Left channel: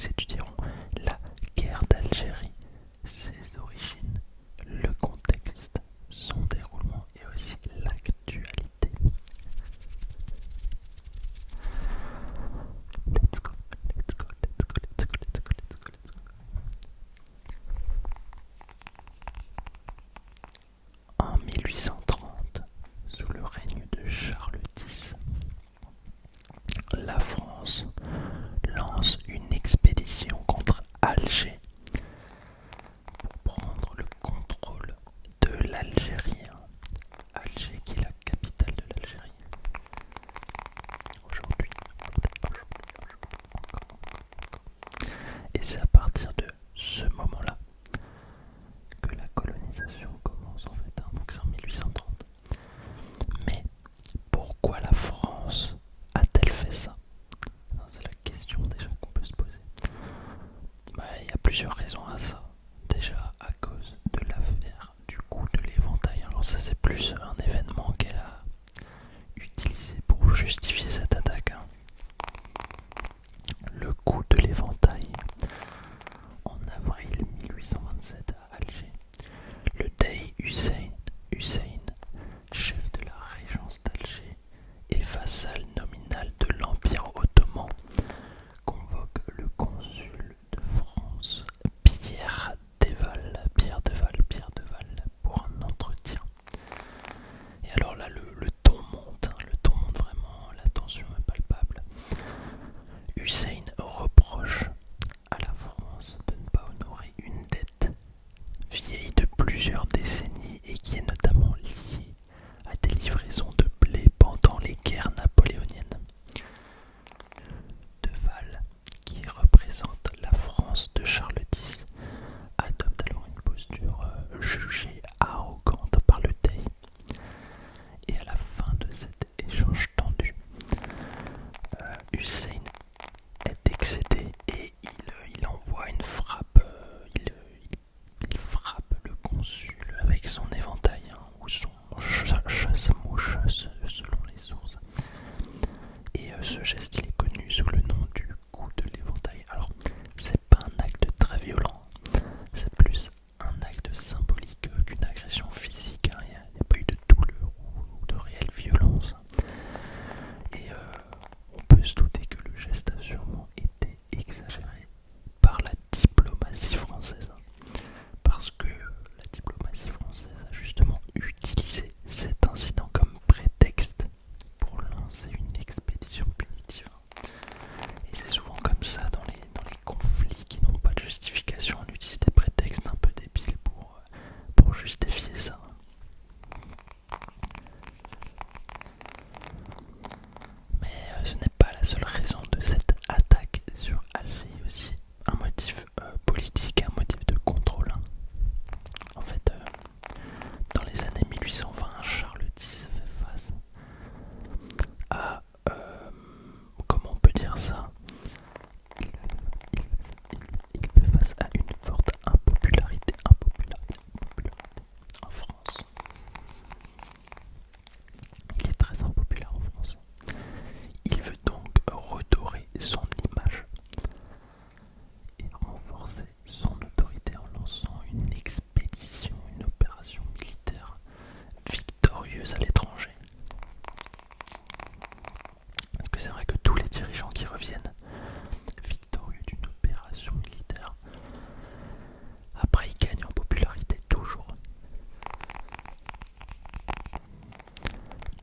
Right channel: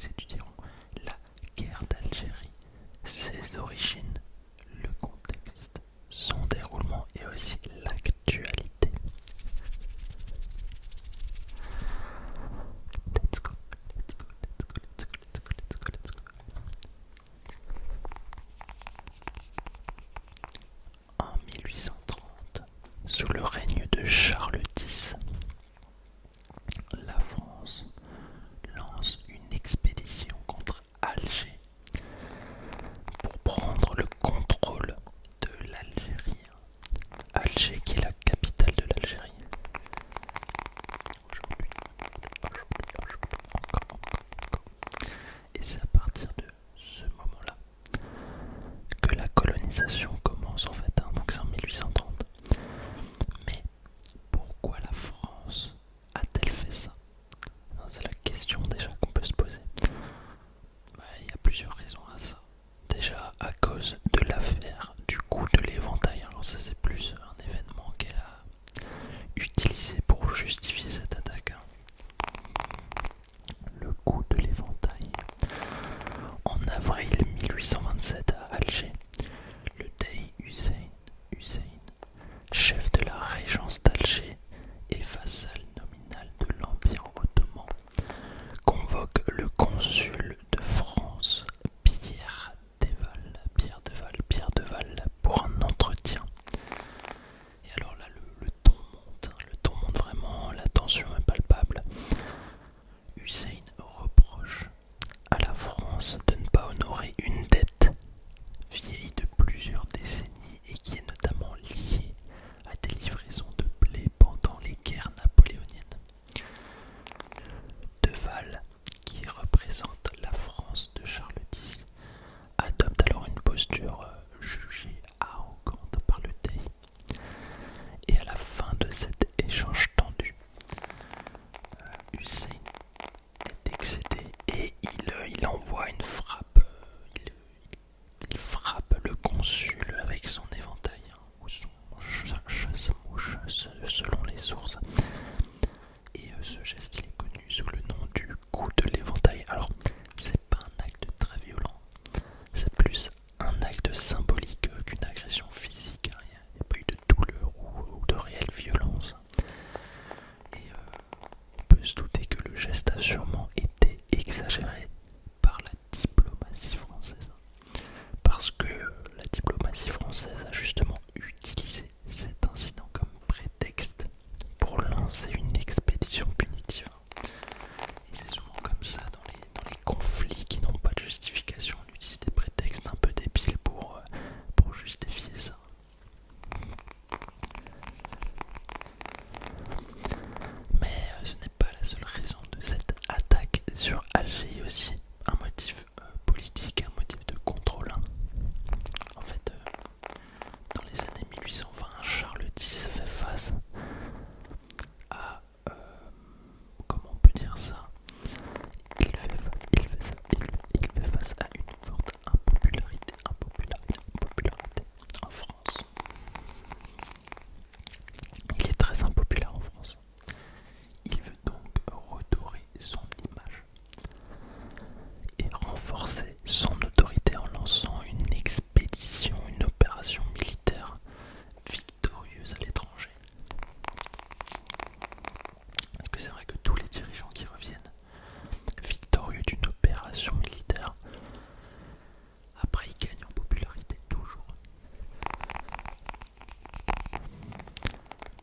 nous étudierons la guerre d'Algérie, ses origines, le contexte, son déroulement et aussi l'actualité. Let's go, let's go, let's go, let's go, let's go, let's go, let's go. En 1830, sous le règne de Charles X, la France lance une expédition contre Alger pour prendre le contrôle de l'Algérie. Alger qui est la capitale de l'Algérie. Aujourd'hui, encore. Et c'est à partir de ce moment-là que la colonisation commence en fait, donc c'est en 1830. Mais pourquoi la France a-t-elle fait ça? C'est la question déjà qu'on peut se poser. Il y a plusieurs raisons à ça. Déjà à cause de l'affaire du coup de l'éventail. Alors ça c'est plus un événement qu'elle a utilisé pour justifier cette attaque. Le coup de l'éventail. En avril 1827 à Alger, le Dey Hussein, chef de la régence d'Alger et vassal nominal de l'Empire ottoman, convoque le consul de France, Pierre Deval, pour un entretien. Et alors là, le ton monte vraiment, la tension est palpable. Hussein reproche à la France de ne pas honorer une dette vieille de plusieurs décennies et qui est notamment liée à des livraisons de blé pendant les guerres napoléoniennes. Deval, qui représente la France de Charles X, adopte alors une posture jugée arrogante par le Dey. Et à la fin de cet échange tendu, Hussein est excédé et il envoie une frappe. Il frappe le consul avec son éventail ou son chasse-mouche selon les sources. Et ce geste il est connu sous le nom du coup de l'éventail. Alors c'est pas un acte très violent, c'est plus un acte symbolique qu'une agression physique. Il n'y a pas eu de douleur ou de réelle violence. Et on peut se douter que le geste a sûrement été exagéré par la diplomatie française. Parce que la diplomatie française a justement utilisé cet incident comme prétexte pour lancer une expédition punitive. Et c'est souvent comme ça dans les conflits qui n'ont pas de justification, on utilise des prétextes un peu débiles pour justifier ça. Mais ce n'est pas la seule raison de cette attaque sur Alger, il y a aussi un motif politique, un motif de contrôle. En fait, dans les années 1820, Charles X fait face à, comment on peut dire ça, il fait face à une forte impopularité en France. Il est très impopulaire en France. Il veut donc redorer son image et renforcer son autorité en lançant une expédition, une opération militaire victorieuse à l'étranger. Parce que c'est vrai que tous les dirigeants qui reviennent victorieux d'une opération militaire, après ils gagnent en popularité toujours.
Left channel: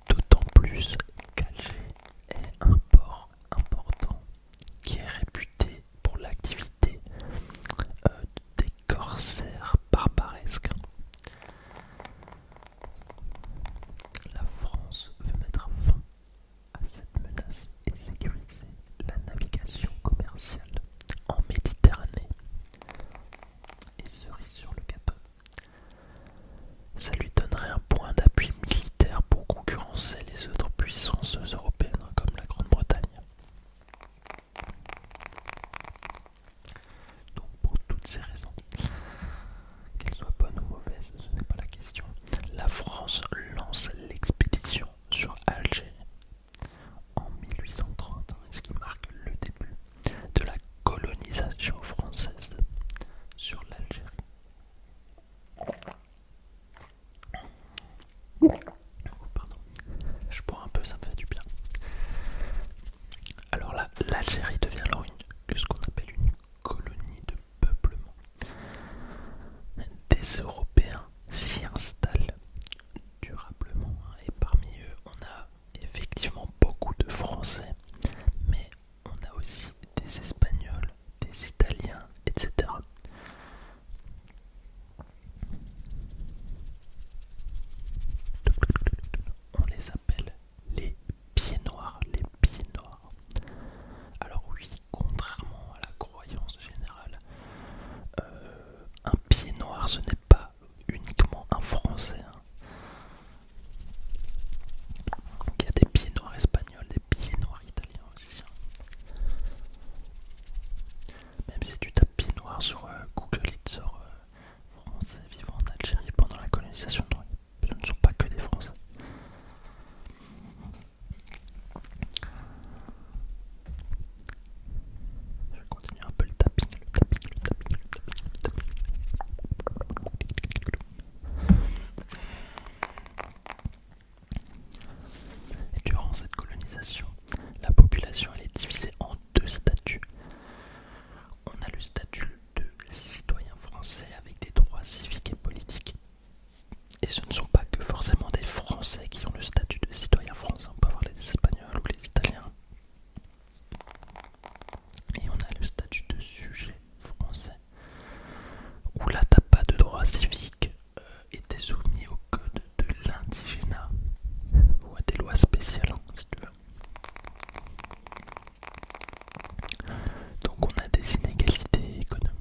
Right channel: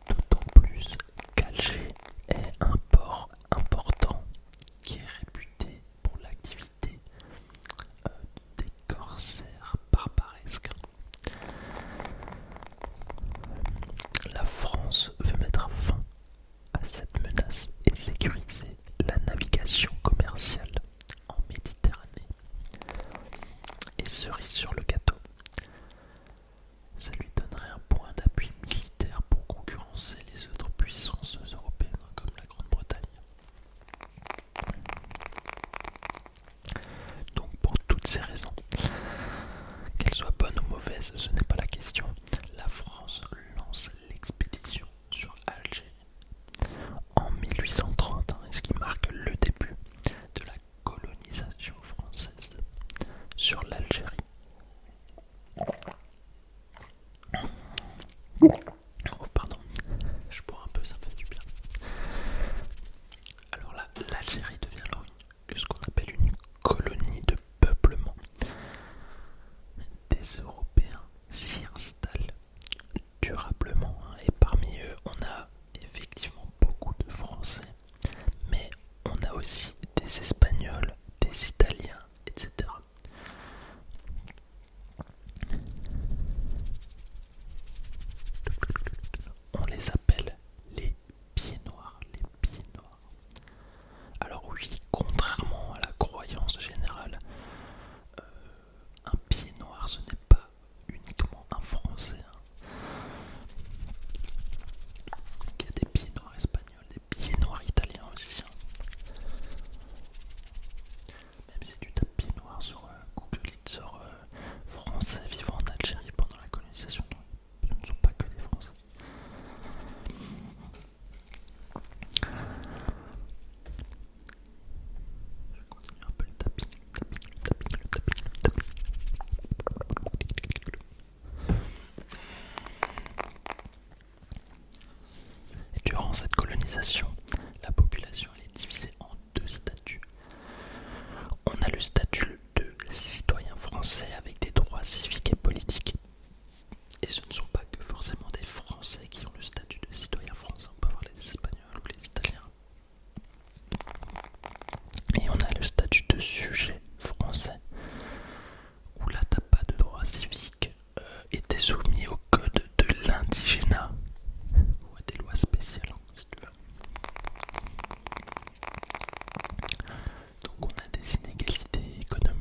D'autant plus qu'Alger est un port important qui est réputé pour l'activité des corsaires barbaresques. La France veut mettre fin à cette menace et sécuriser la navigation commerciale en Méditerranée. Et cerise sur le gâteau, ça lui donnerait un point d'appui militaire pour concurrencer les autres puissances européennes comme la Grande-Bretagne. Donc pour toutes ces raisons, qu'elles soient bonnes ou mauvaises, ce n'est pas la question, la France lance l'expédition sur Alger en 1830, ce qui marque le début de la colonisation le statut de citoyen français avec des droits civiques et politiques. Et ce ne sont pas que forcément des Français qui ont le statut de citoyen français, on peut avoir les Espagnols ou les Italiens. Et on a le statut de sujet français, où là t'as pas de droits civiques et t'es soumis au code de l'indigénat, ou à des lois spéciales, hein, si tu veux. Donc on a des inégalités économiques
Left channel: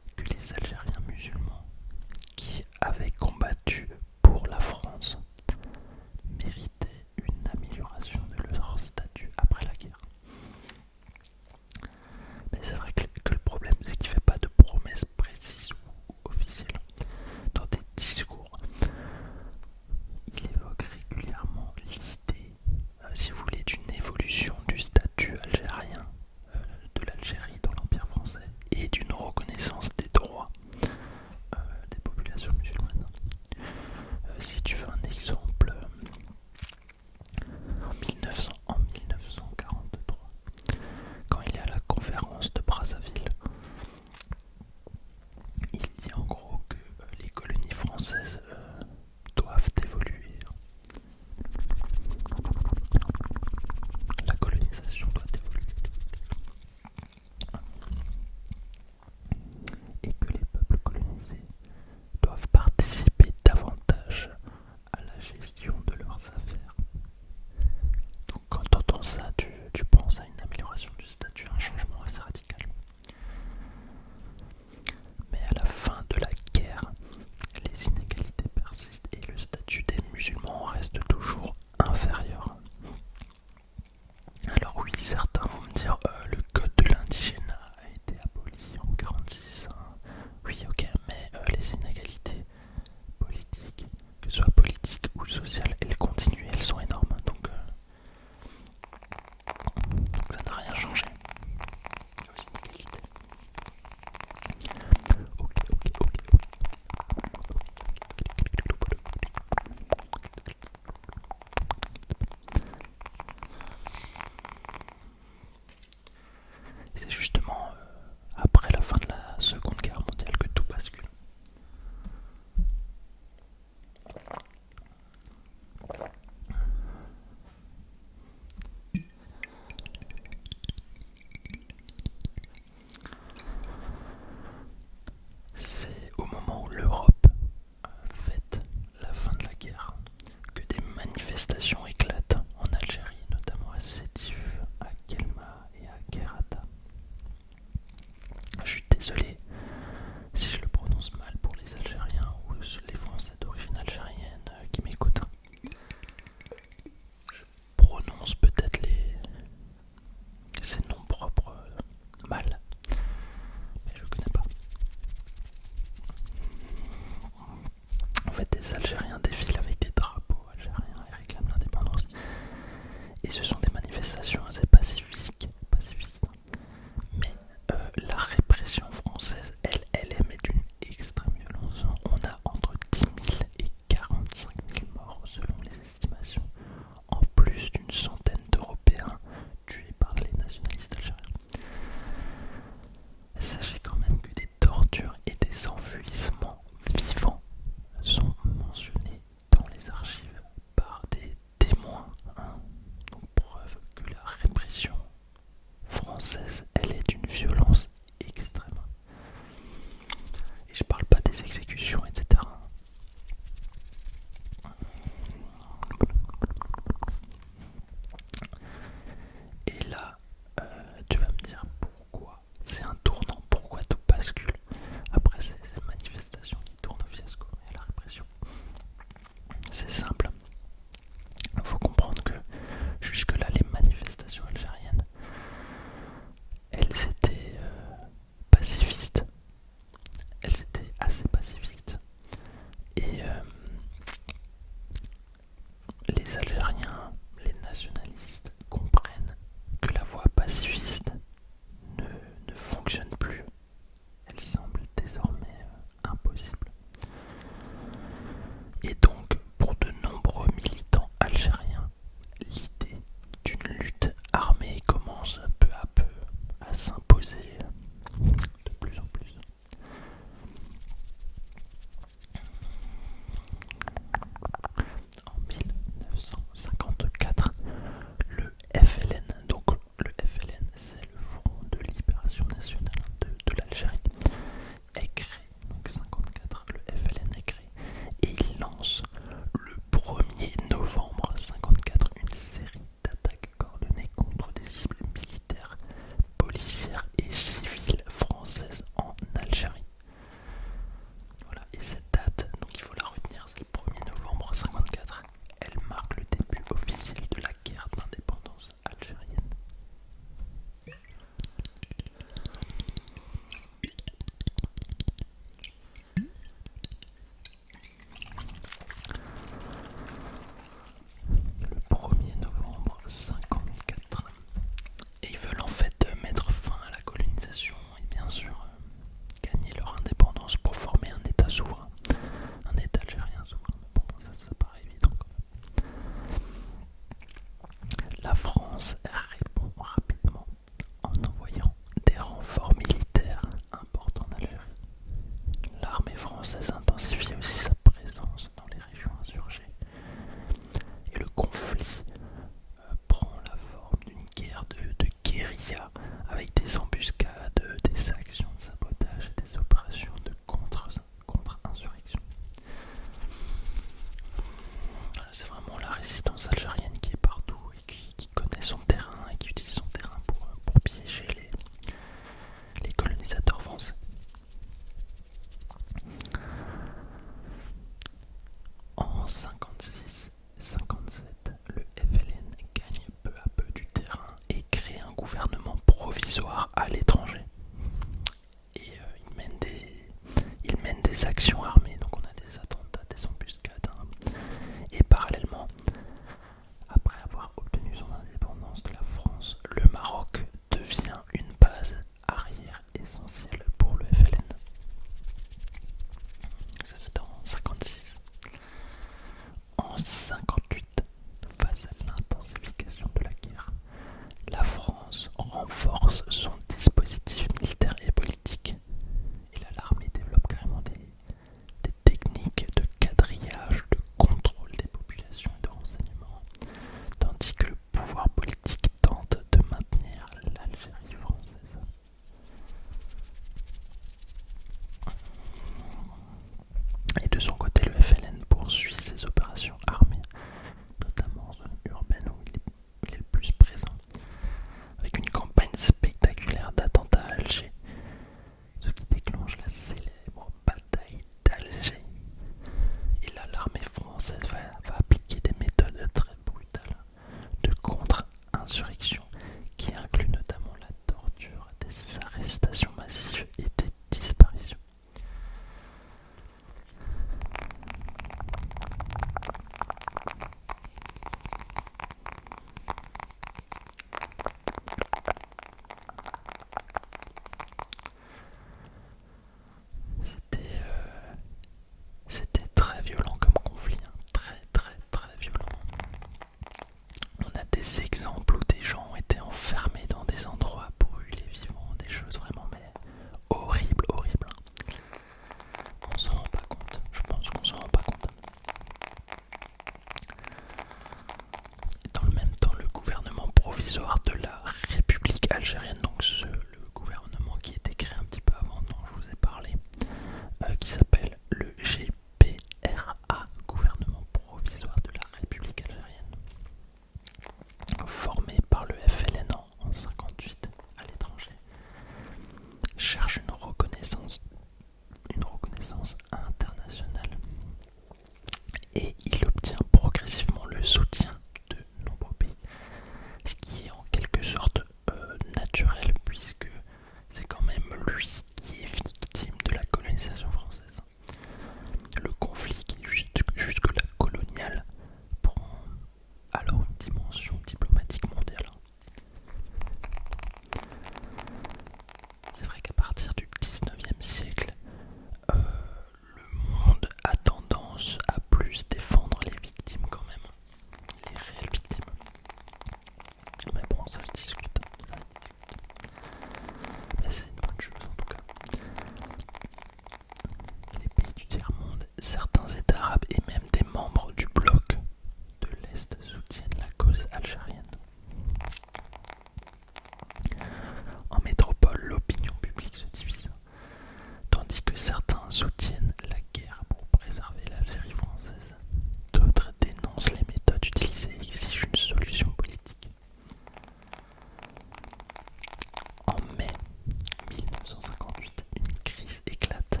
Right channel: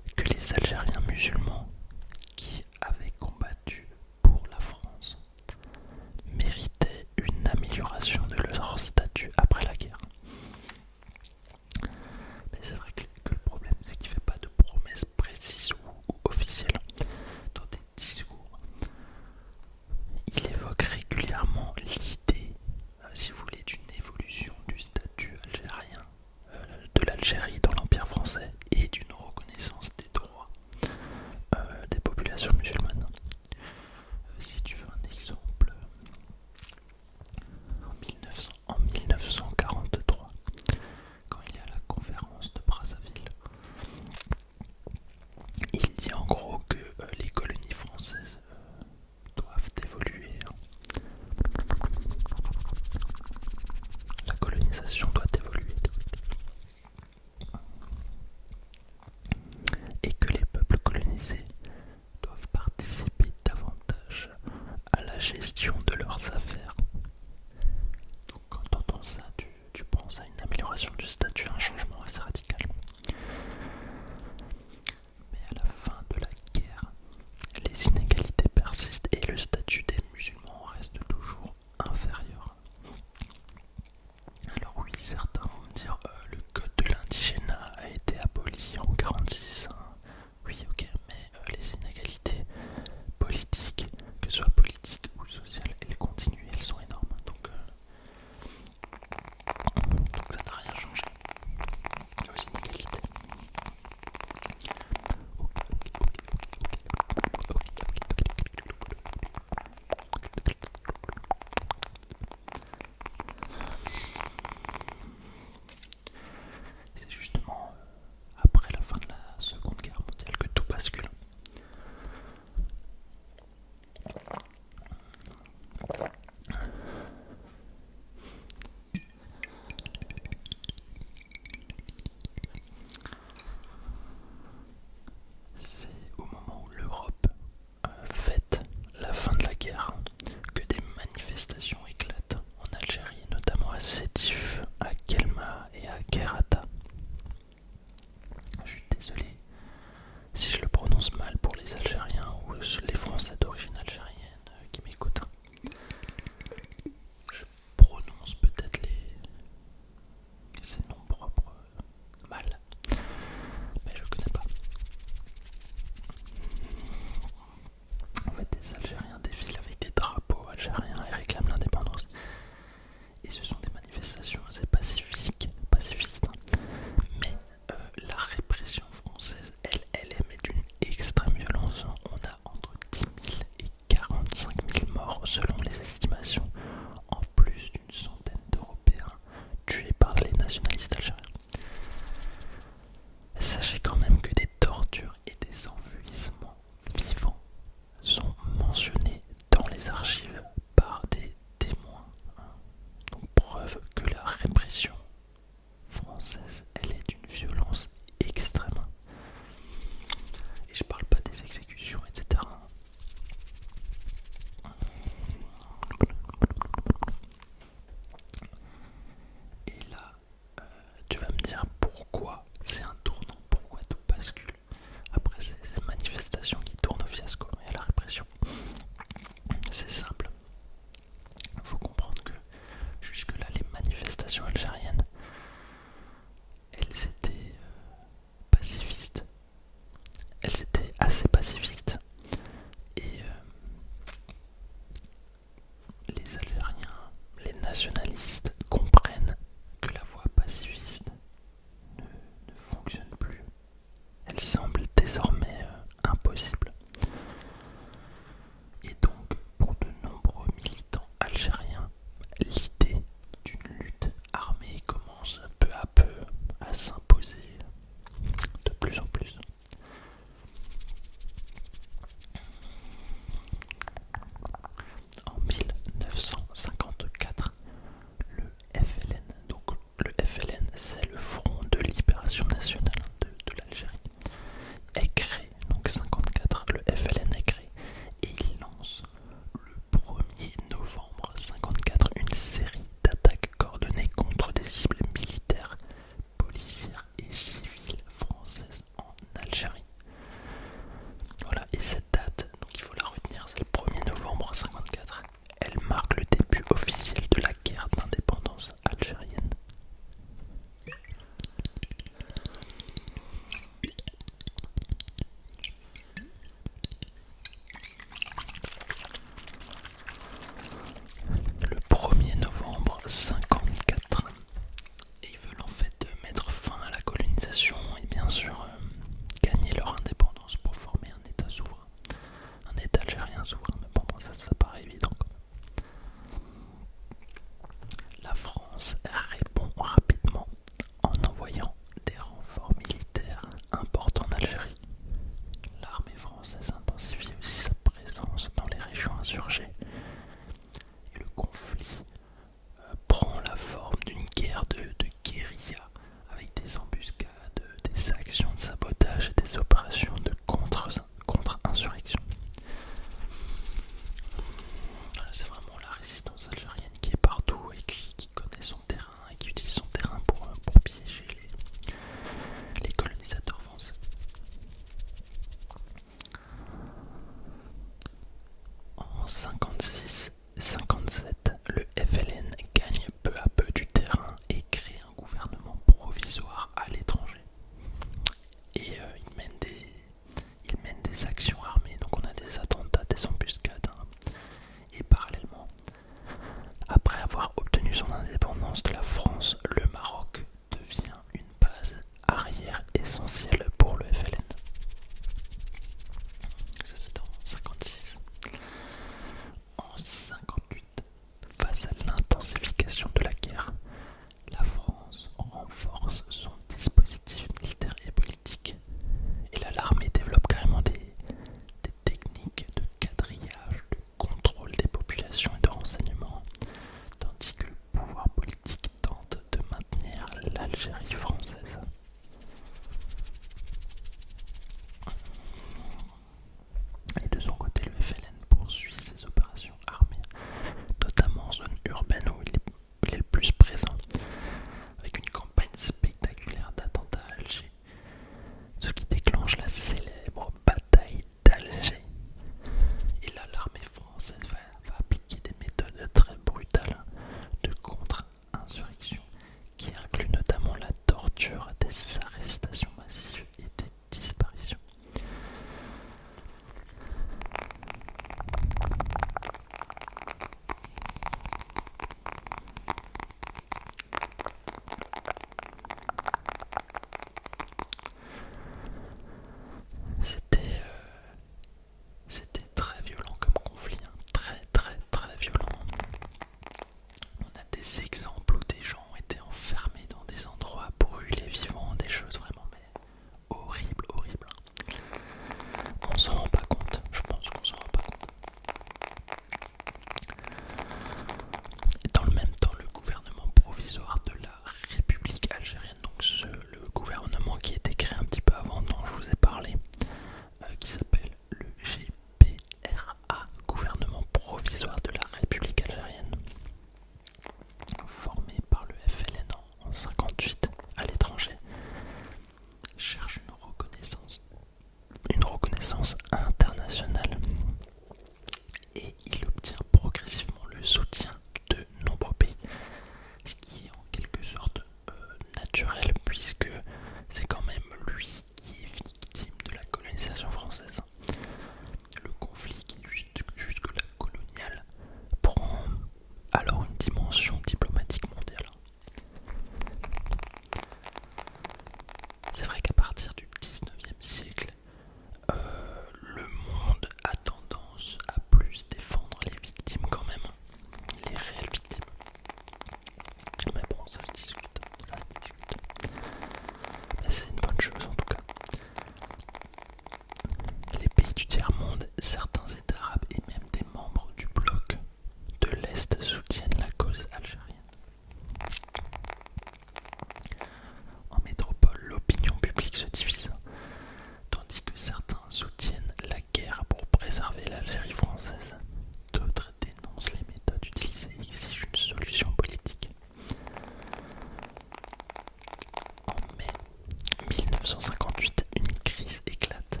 1958, une crise éclate.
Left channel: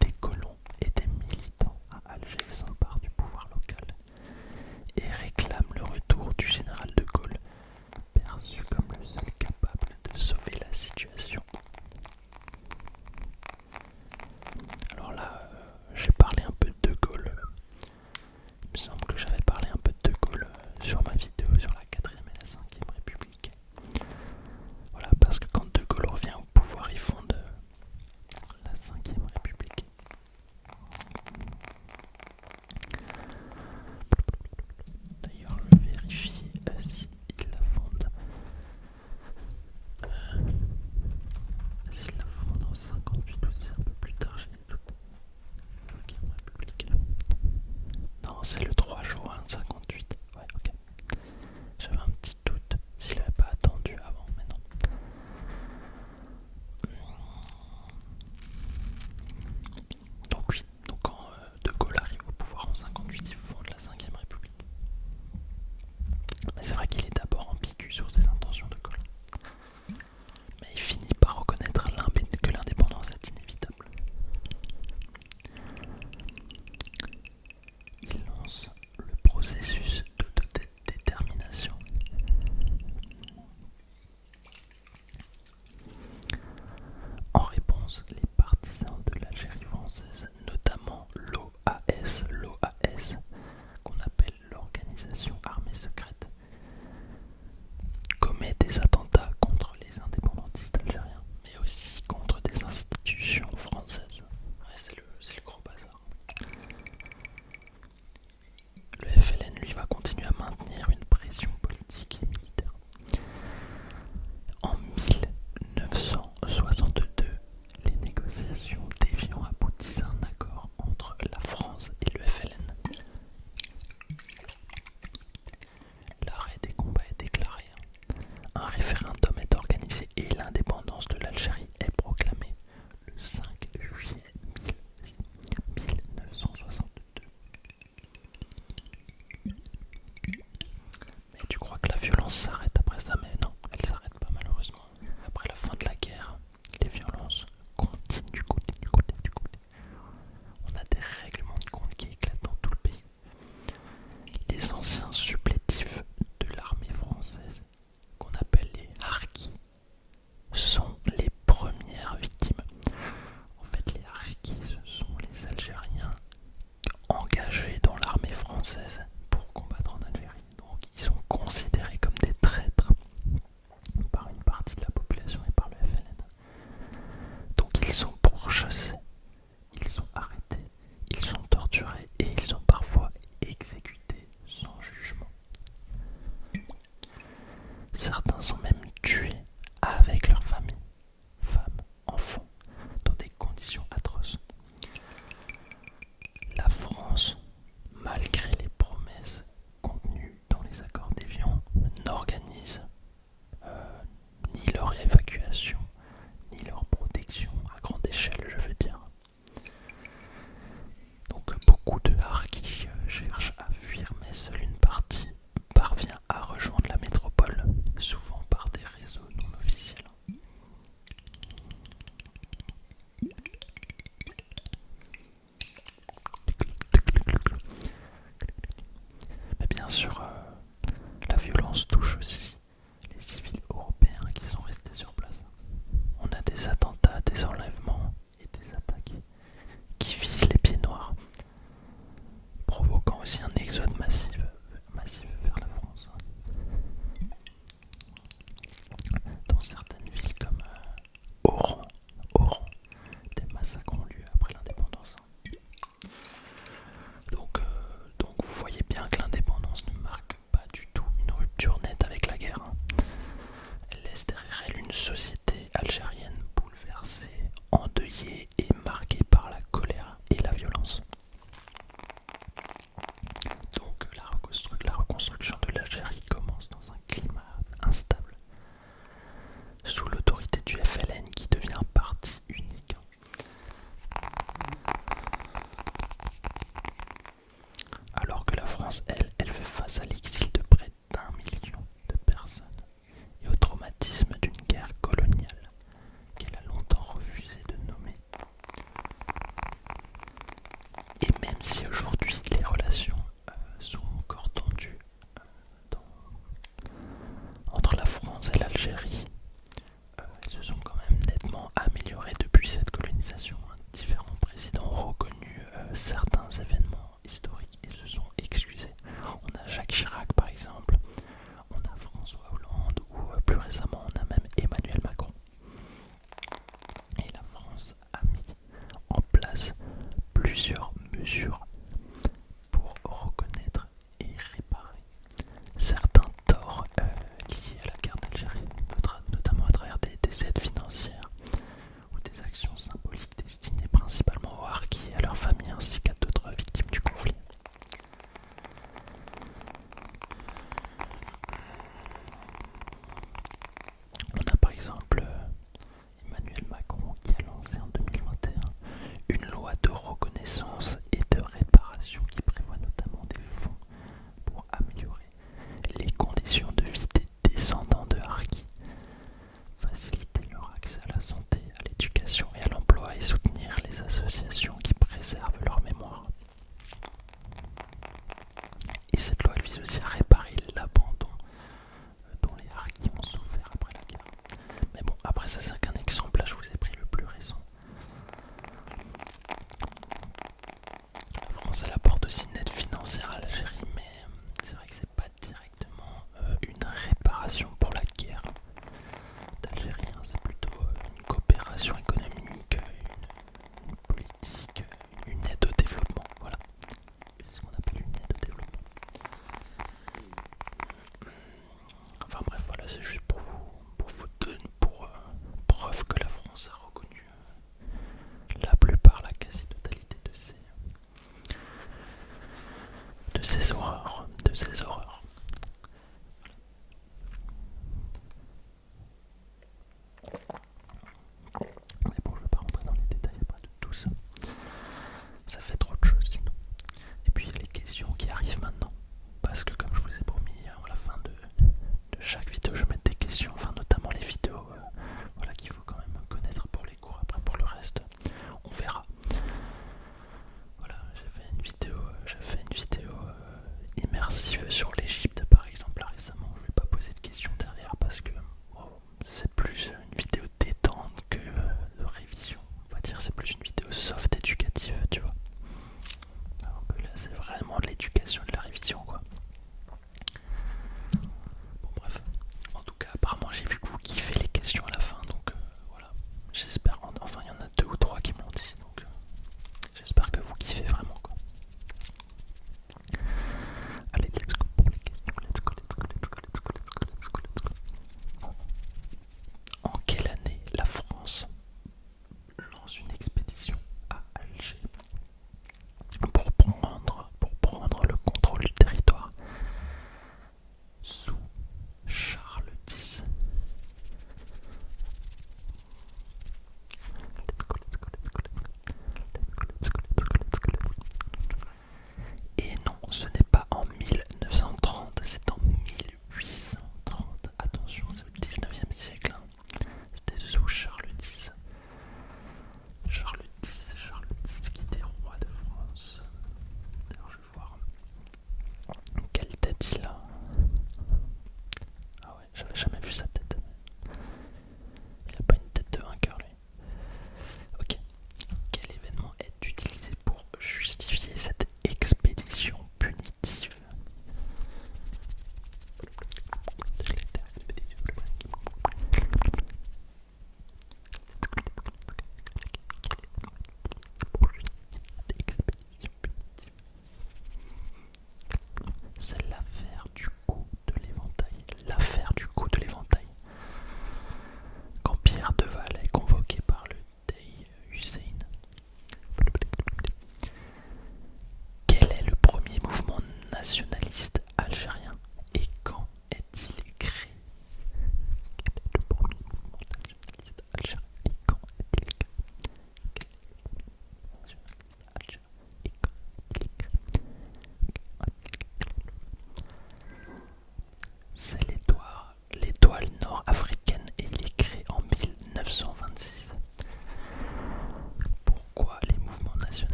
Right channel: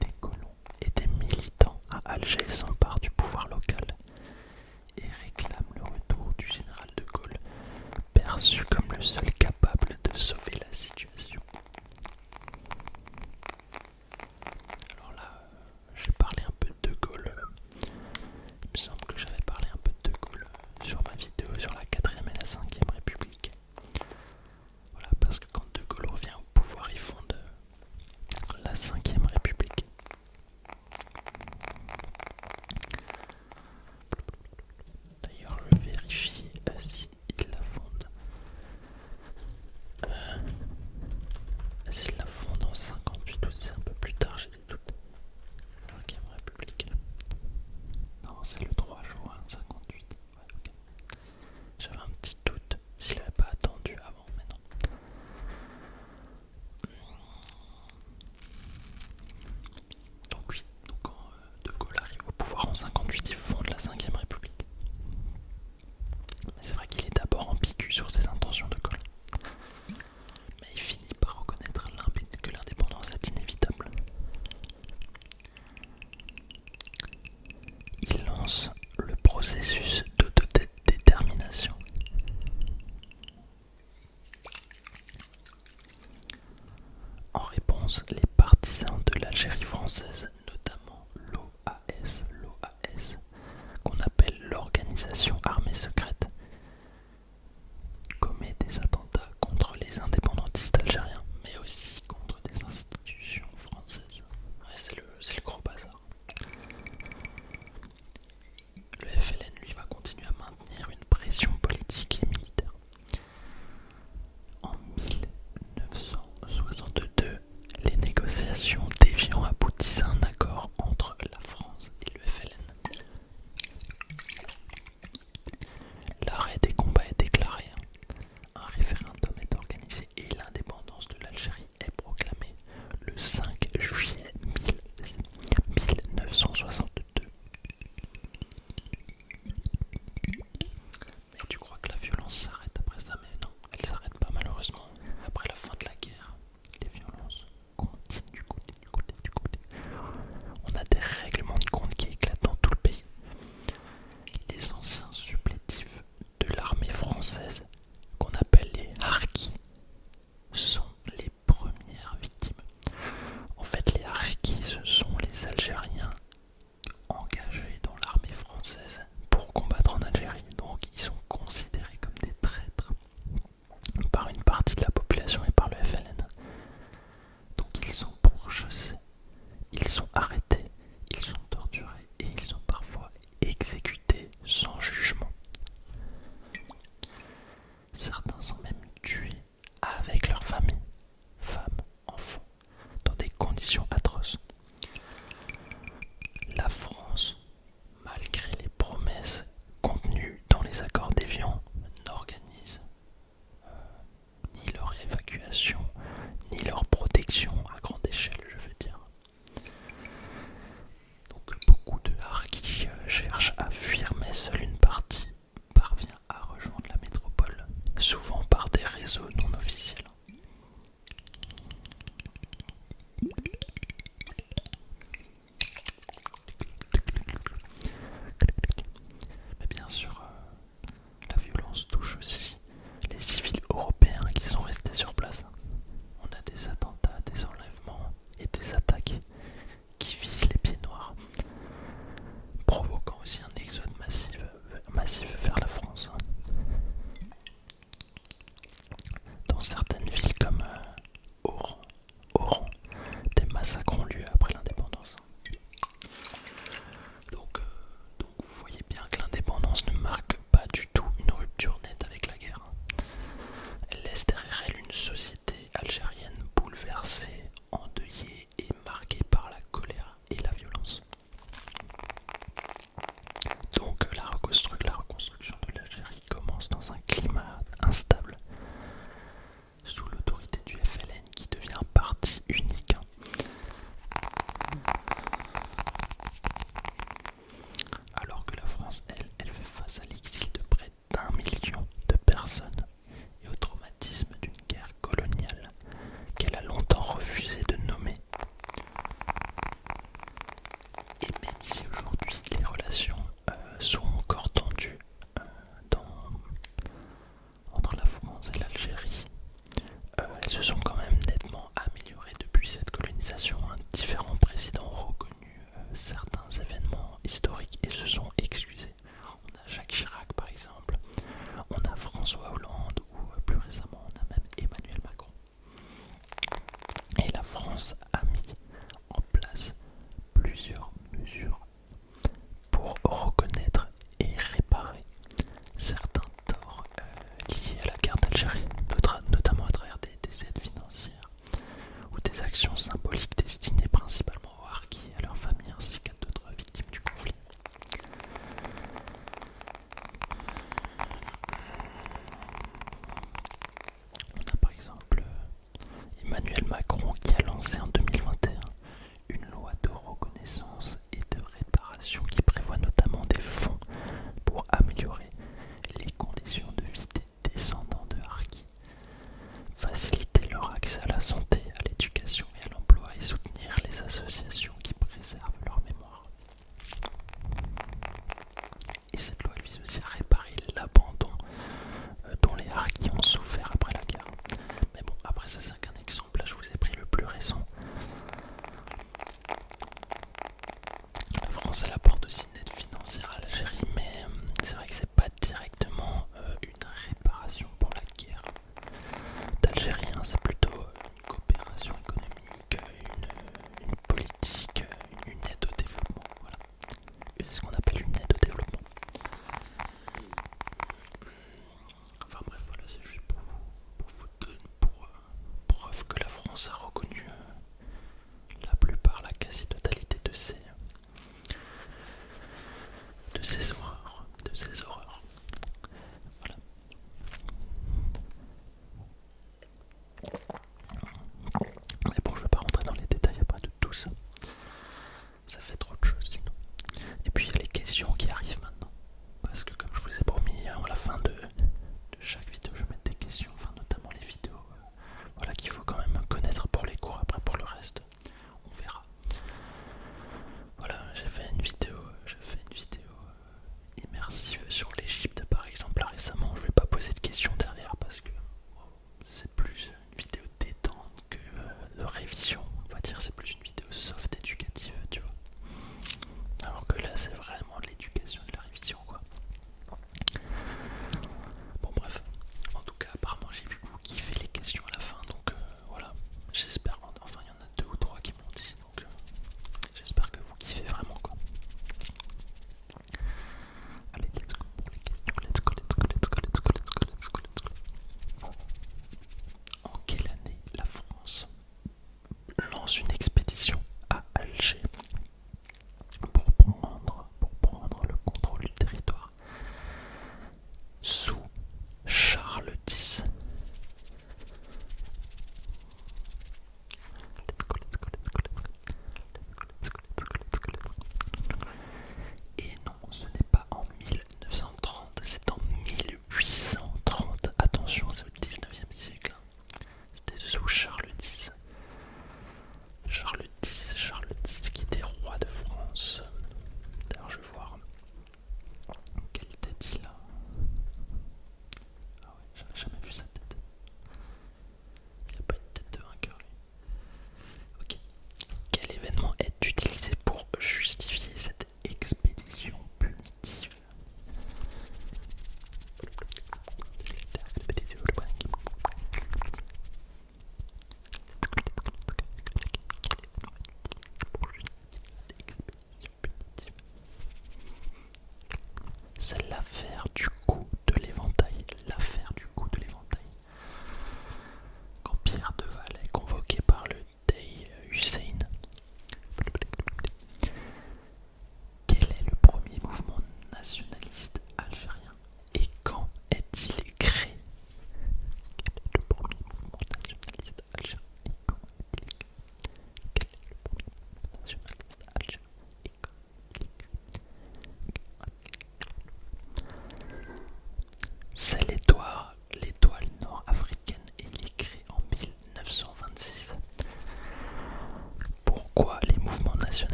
Des colons et des militants à Alger s'emparent du pouvoir local et réclament le retour du général de Gaulle, perçu comme le seul capable de sauver la situation. Alors là, j'ai parlé un peu de Gaulle. Il me semble que j'avais parlé un peu de Gaulle sur ma vidéo sur la 4ème et la 5ème République. Voilà, parce que quand De Gaulle revient au pouvoir,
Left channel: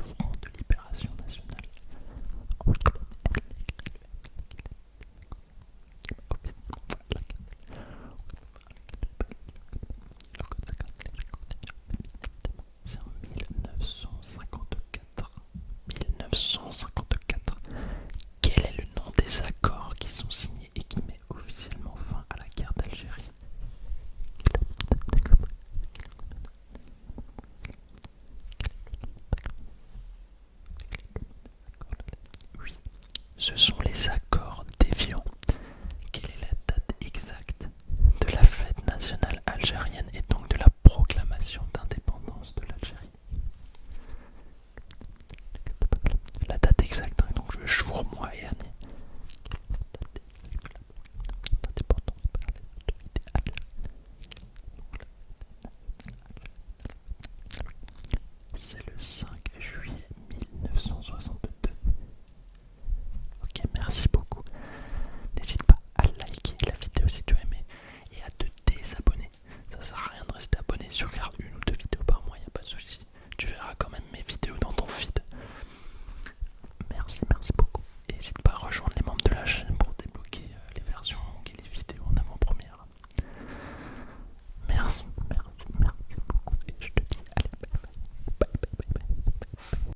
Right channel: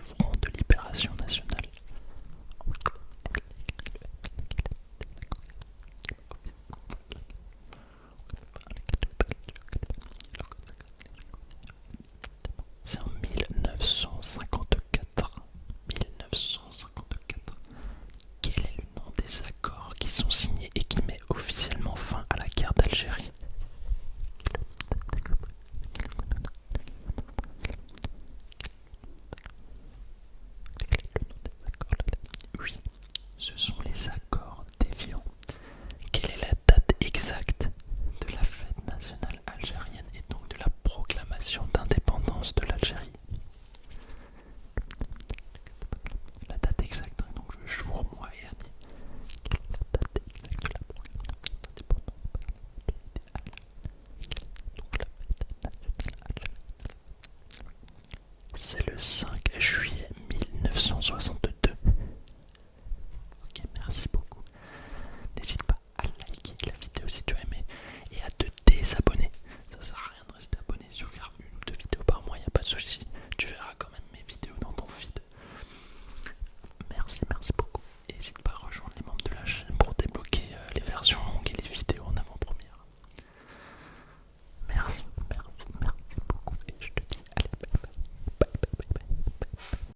front